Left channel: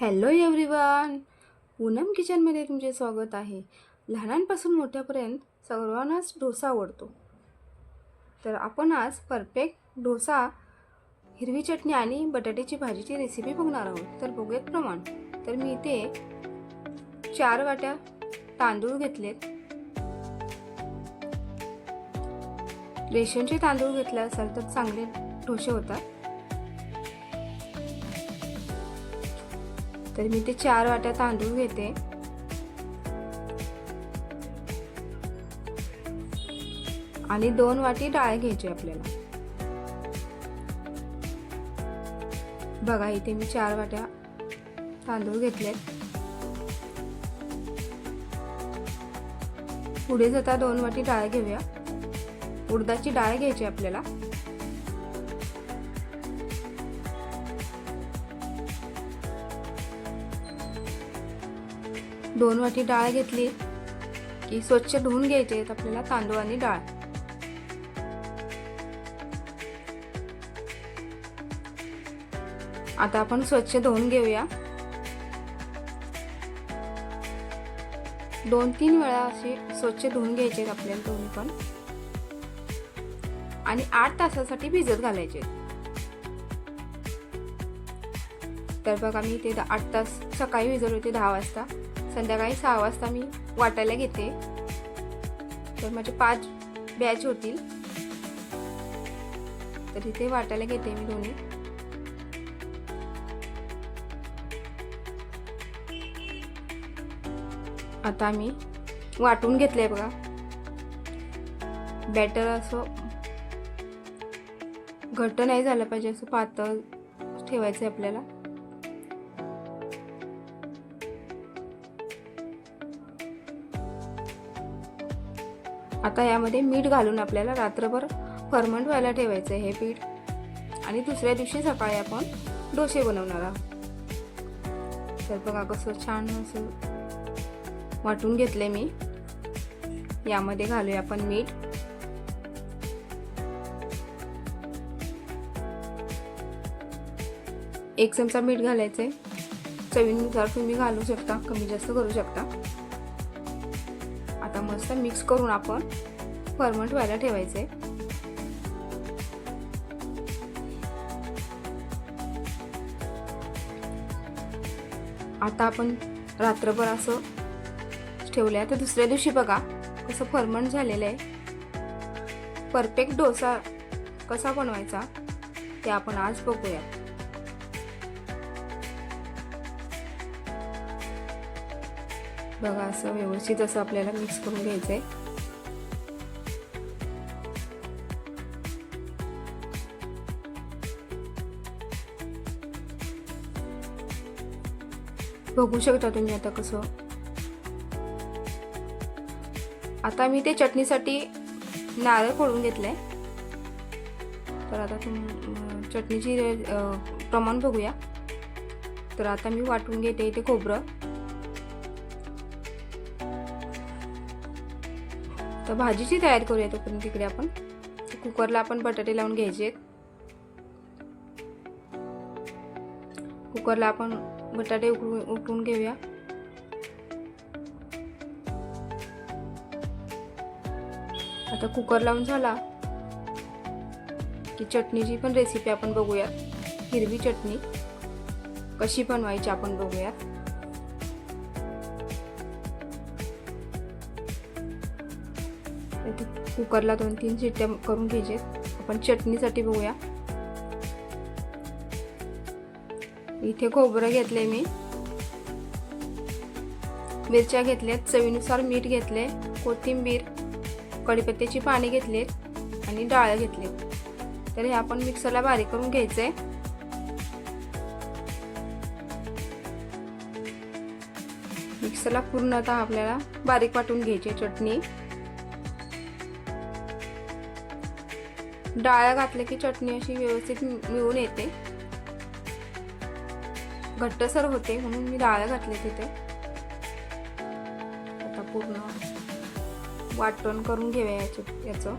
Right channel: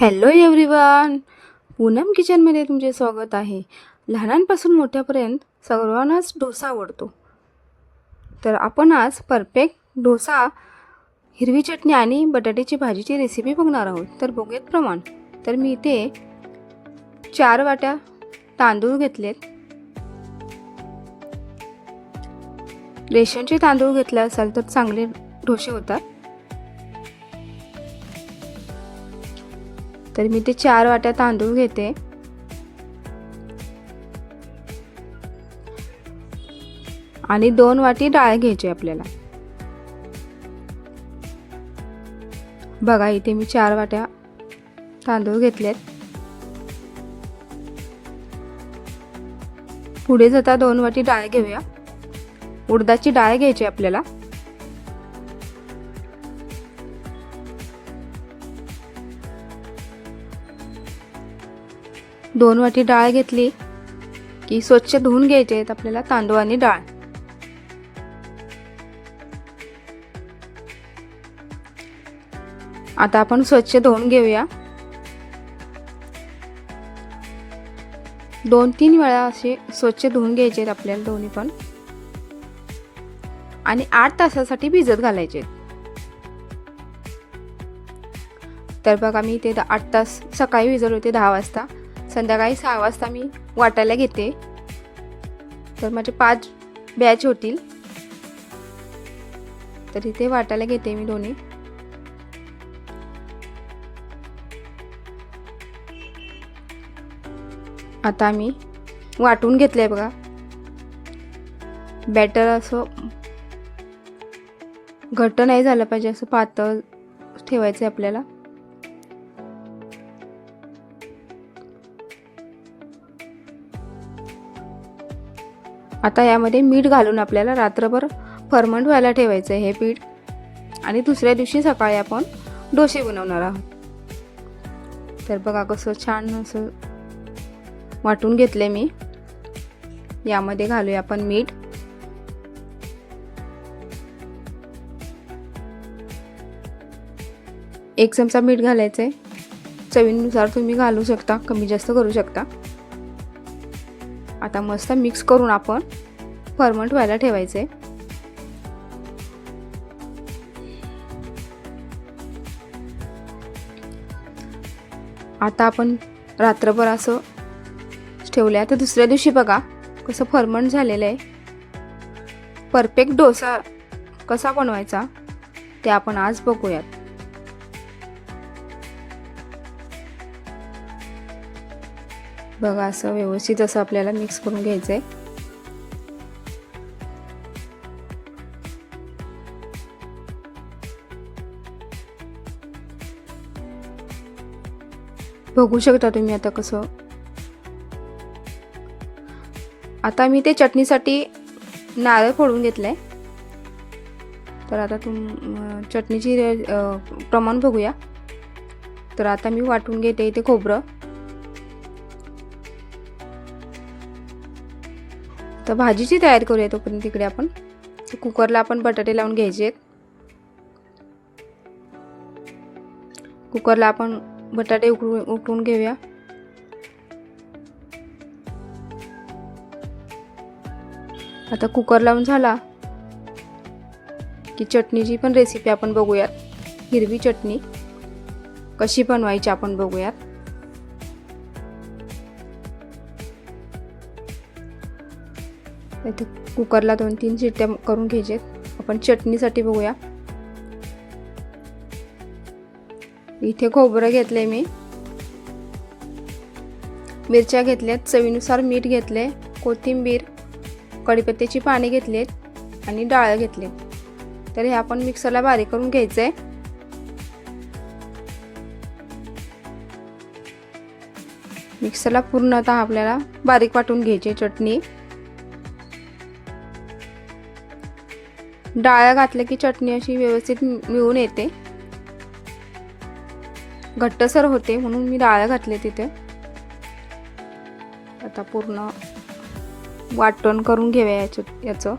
Hello everyone, Poonam किचनमध्ये तुमचे स्वागत आहे. लहानांपासून मोठ्यापर्यंत सर्वांनाच डोसा आवडतो. तर आपण आज परफेक्ट डोसा, हिरवी चटणी आणि बटाट्याची भाजीची रेसिपी बघणार आहोत. तर बघूयात प्रमाण. तर मी इथे 4 वाट्या तांदूळ घेतलेत. रेशनचे तांदूळ घेतले असाल तर चांगले डोसे होतात. तर मी ते 4 वाट्या तांदूळ घेते आणि 2 वाटी डाळ घ्यायची आपल्याला. बघा इथे मी 4 वाट्या तांदूळ घेतलेत. पुढे जाता 2 वाटी डाळ घेऊया. उडदाची डाळ घ्यायची आपल्याला. दोन वाटी डाळ घेतली की स्वच्छ धुवून घ्यायचे आहेत आपल्याला तांदूळ आणि डाळ. आता आपण स्वच्छ धुवून घेऊया. 2-3 वेळा असे स्वच्छ धुवून घ्यायचे आहेत आपल्याला दोन्ही पण, आणि 8 तासासाठी भिजत घालायचे. तर बघा मी इथे 8 तास सकाळी भिजवले होते 10 वाजता. संध्याकाळी 6 वाजता मी वाटायला घेते. तर माझे 5 बॅच होतील. तर इथे वाटायला घेते मी दोन्ही. आता मी वाटून घेतलंय बघा. बॅटर असं घट्ट नाही झालं पाहिजे, असं पातळ ठेवायचं आपल्याला. आता यामध्ये मीठ घालून आपल्याला रात्रभर फर्मंट व्हायला ठेवायचं आहे हे पीठ, आणि दुसऱ्या दिवशी सकाळी आपण डोसे बनवणार आहोत. तर बघा कसं छान असं वाटून घेतले मी. यामध्ये घालूया आपण मीठ. एक चमचा मीठ घालायचंय. चवीनुसार तुम्ही घालू शकता, कमी जास्त करू शकता. आता मस्त मिक्स करून आपण फर्मंट व्हायला ठेवायचे. आता आपण रात्रभर असं ठेवलंय. तर दुसऱ्या दिवशी बघा कसं फर्मंट झालेलं आहे. परफेक्ट डोसा कसा बनवायचा ते आपण आज बघूयात. बघा असं व्यवस्थित असं आपल्याला मिक्स करून घ्यायचंय. बघू शकता तुम्ही आता कसं. आता मी ते चटणीसाठी नारळ फोडून घेतलंय. तर आता चटणीची प्रमाण बघूया. तर आता मी वाटून घेते इथे खोबरं. तर भाजीची तयारी करूया तोपर्यंत. तिकडे आपण कुकरला आपण बटाटे लावून घ्यायचे. कुकरला आपण बटाटे उकळून घेऊया. आता कुकर लावून झाला की चटणीची पण रेसिपी आपण बघूयात. हिरवी चटणी कशी बनवायची आपण बघूयात. इथे कुकरला 2-3 शिट्ट्या करून घ्यायचे. आपण चटणीसाठी बघूया. इथे खोबरं घेतलंय मी, मिरच्या घेतल्यात, चवीनुसार मीठ घेतले, कोथिंबीर, कढीपत्त्याची पाने घेतलेत आणि डाळ घेतलेत. तर हे आपण मिक्सरला बारीक करून घ्यायचंय. मिक्सरला पूर्णतः आपल्याला बारीक वाटून घ्यायची चटणी. डाळ घातले की चटणी अशी व्यवस्थित मिळून येते, घट्टसर होते, म्हणून मी डाळ घातले तिथे. आता पूर्ण वाटण करून घेऊया याचं.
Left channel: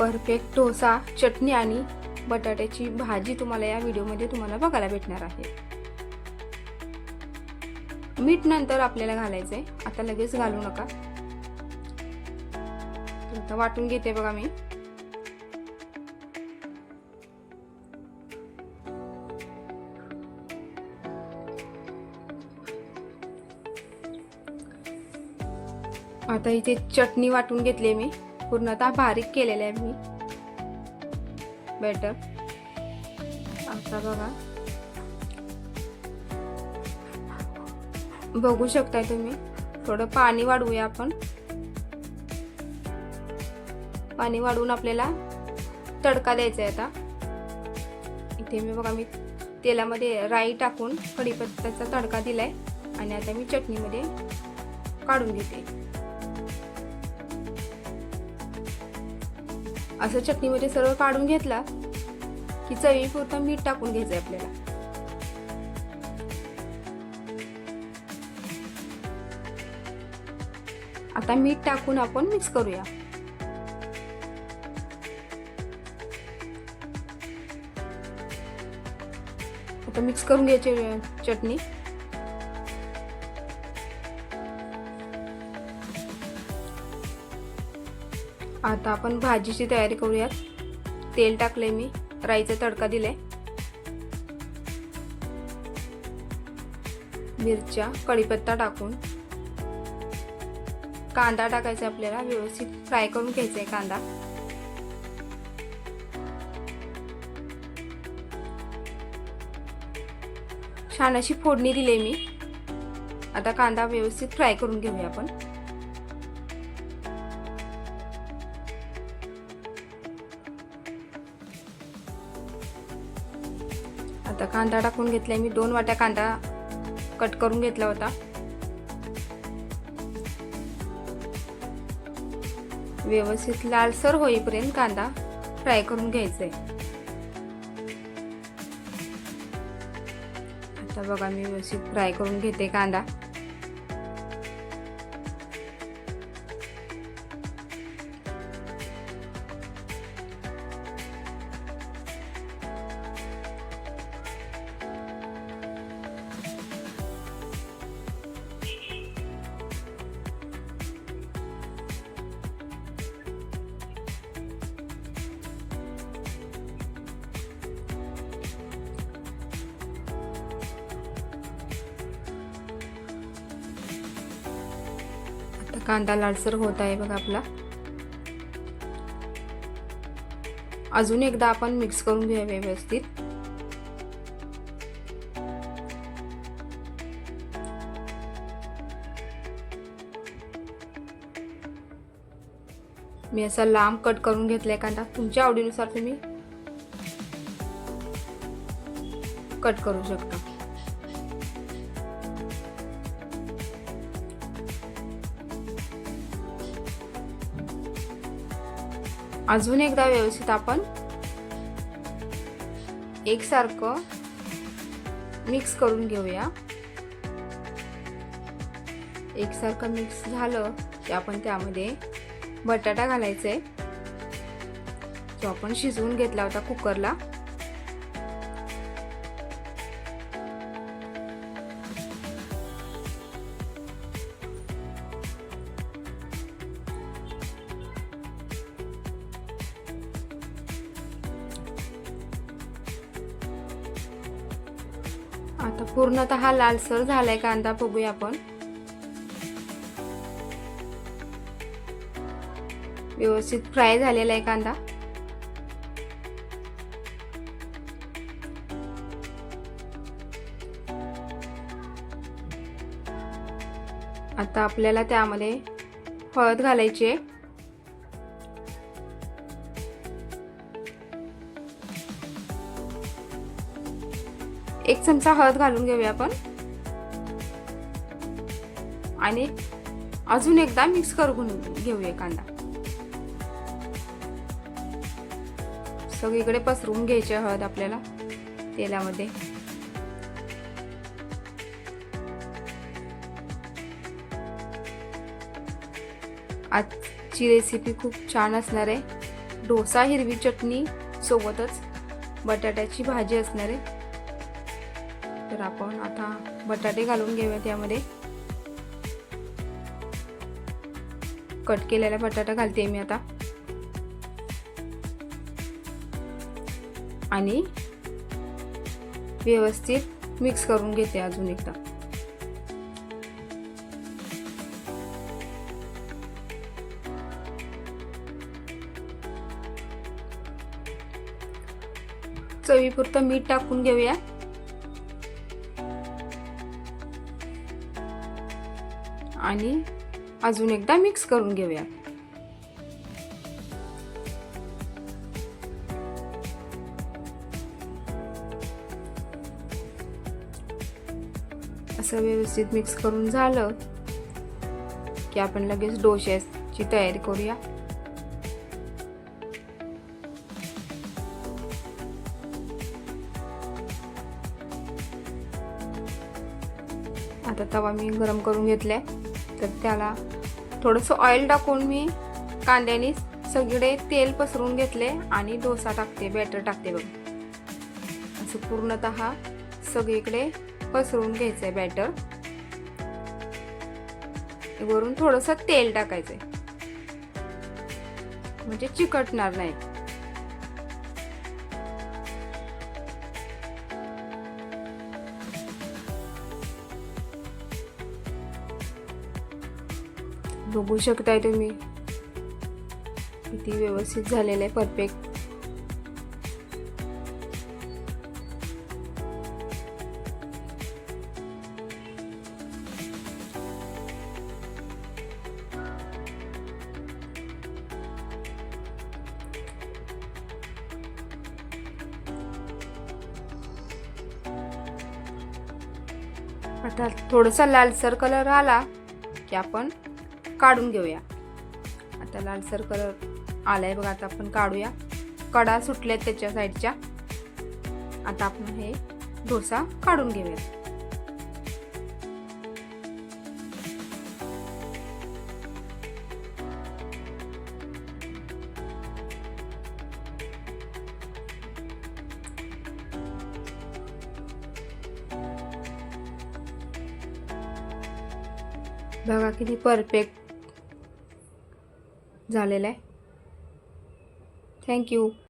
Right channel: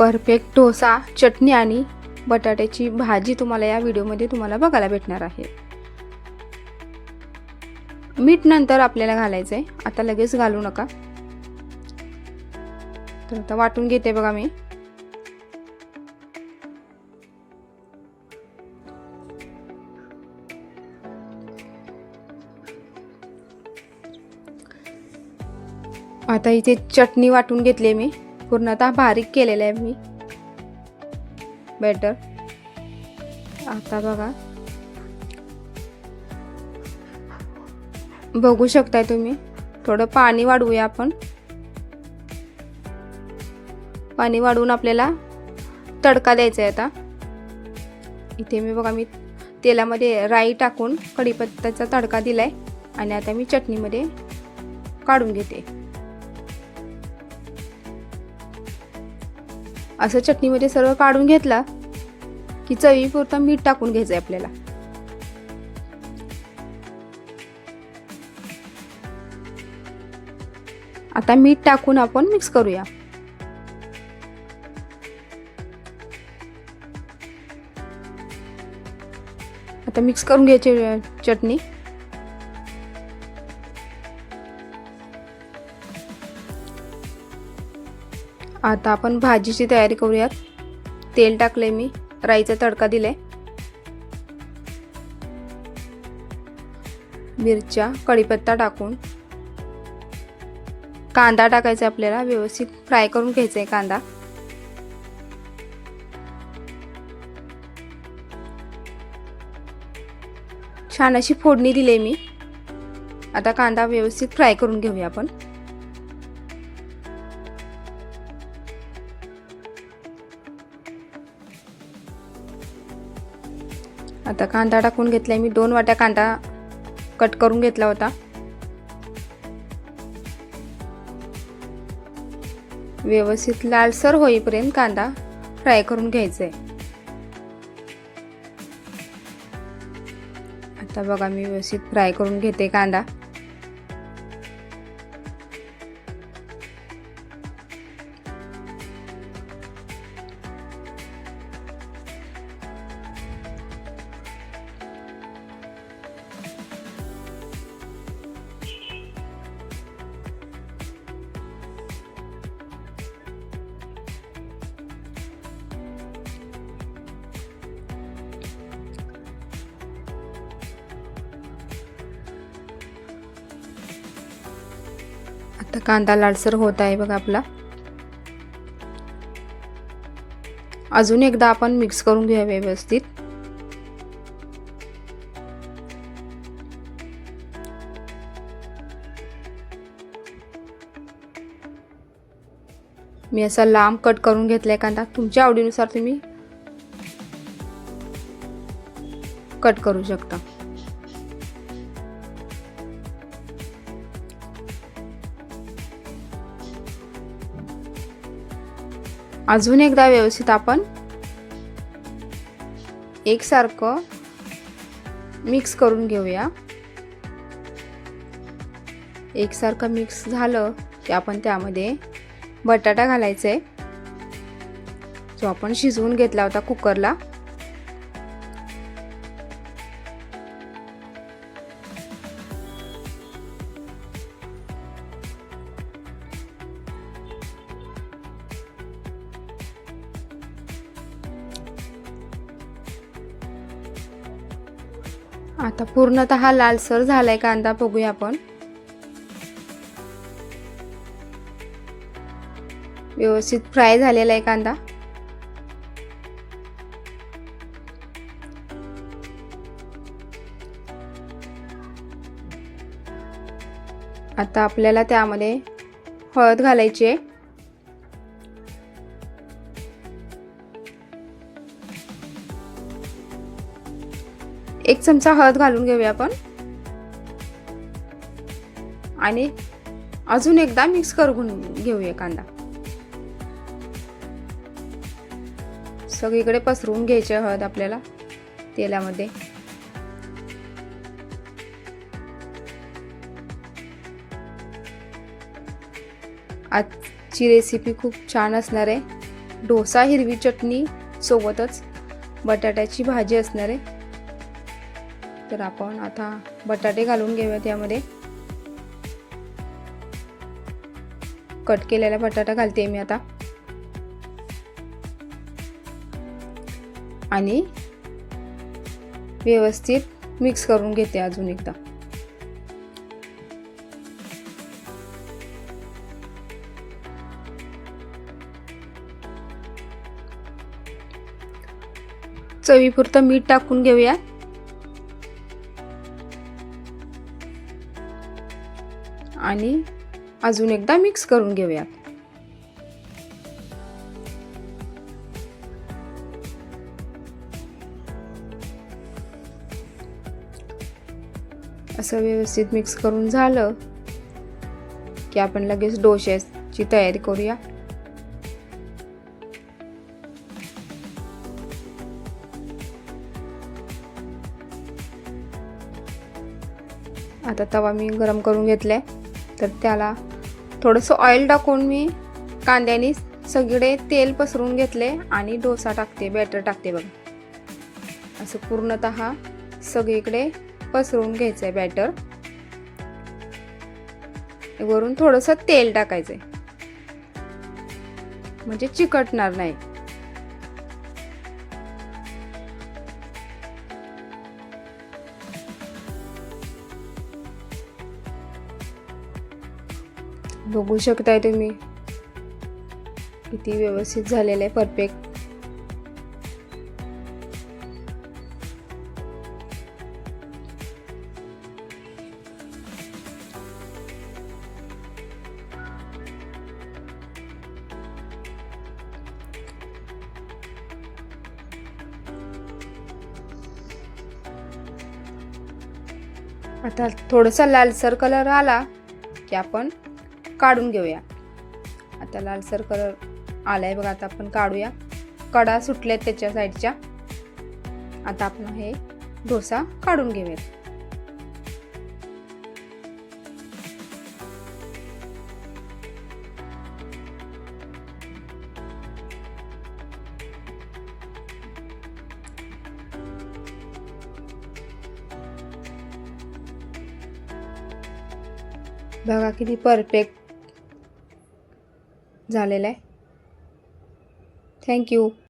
परफेक्ट डोसा, चटणी आणि बटाट्याची भाजी तुम्हाला या व्हिडिओमध्ये बघायला भेटणार आहे. मीठ नंतर आपल्याला घालायचं आहे, आता लगेच घालू नका. तर आता वाटून घेते बघा मी. आता इथे चटणी वाटून घेतली मी, पूर्णतः बारीक केलेलं आहे मी बॅटर. आता बघा, बघू शकताय तुम्ही. थोडं पाणी वाढवूया आपण. पाणी वाढवून आपल्याला तडका द्यायचा आहे. आता इथे मी तेलामध्ये राई टाकून कढीपत्त्याचा तडका दिलाय आणि आता मी चटणीमध्ये काढून घेते. असं चटणीमध्ये सर्व काढून घेतला की चवीपुरतं मीठ टाकून घ्यायचंय आपल्याला. आता मीठ टाकून आपण मिक्स करूया. आता मिक्स करून घ्यायची चटणी. आता आपण भाजीची तयारी करूयात. तेल टाकले मी, राईचा तडका दिलाय, मिरच्या, कढीपत्ता टाकून कांदा टाकायचा आपल्याला. व्यवस्थित फ्राय करून घ्यायचा आहे कांदा. छान अशी फोडणी दिली मी. आता कांदा व्यवस्थित फ्राय करून घेऊया आपण. आता कांदा टाकून घेतलाय मी. 2 वाट्या कांदा कट करून घेतला होता. व्यवस्थित लालसर होईपर्यंत कांदा फ्राय करून घ्यायचा आहे. आता बघा, मी व्यवस्थित फ्राय करून घेते कांदा. आता कांदा लालसर होत आहे बघा आपला. अजून एकदा आपण मिक्स करून घेऊया व्यवस्थित. मी असा लांब कट करून घेतलाय कांदा. तुमच्या आवडीनुसार तुम्ही कट करू शकता. अजून एकदा व्यवस्थित आपण एकसारखं मिक्स करून घेऊया. एकसारखं मिक्स झालं की आपण त्यामध्ये बटाटा घालायचा आहे, जो आपण शिजवून घेतला होता कुकरला. आता पूर्णतः लालसर झालाय कांदा. बघूया आपण. व्यवस्थित फ्राय झालेला आहे कांदा. आता आपल्याला त्यामध्ये हळद घालायची आहे. एक चमचा हळद घालून घेऊया आपण आणि अजून एकदा मिक्स करून घेऊया कांदा. सगळीकडे पसरवून घ्यायची हळद आपल्याला तेलामध्ये. आजची रेसिपी खूप छान असणार आहे. डोसा हिरवी चटणी सोबतच बटाट्याची भाजी असणार आहे. तर आपण आता बटाटे घालून घेऊया. त्यामध्ये कट केलेला बटाटा घालते मी आता आणि व्यवस्थित मिक्स करून घेते अजून एकदा. चवीपुरतं मीठ टाकून घेऊया. आणि अजून एकदा मिक्स करून घेऊया. असं व्यवस्थित मिक्स करून झालं की आपण लगेच डोश्याची तयारी करूया. आता तवा मी गरम करून घेतलाय. तर त्याला थोडंसं ऑइल टाकून मी कांद्याने सगळे तेल पसरवून घेतले आणि डोसा टाकते, बॅटर टाकते बघा. असं पूर्णतः सगळीकडे पसरवून घ्यायचंय बॅटर. वरून थोडंसं तेल टाकायचंय म्हणजे चिकटणार नाही. बघू शकताय तुम्ही किती व्यवस्थित झालेलं आहे, परफेक्ट. आता थोडासा लालसर कलर आला की आपण काढून घेऊया. आता लालसर कलर आलाय बघा. आता आपण काढूया. कडा सुटल्यात त्याच्या साईडच्या. आता आपण हे डोसा काढून घेऊया. बघा किती परफेक्ट झालेला आहे. थँक्यू.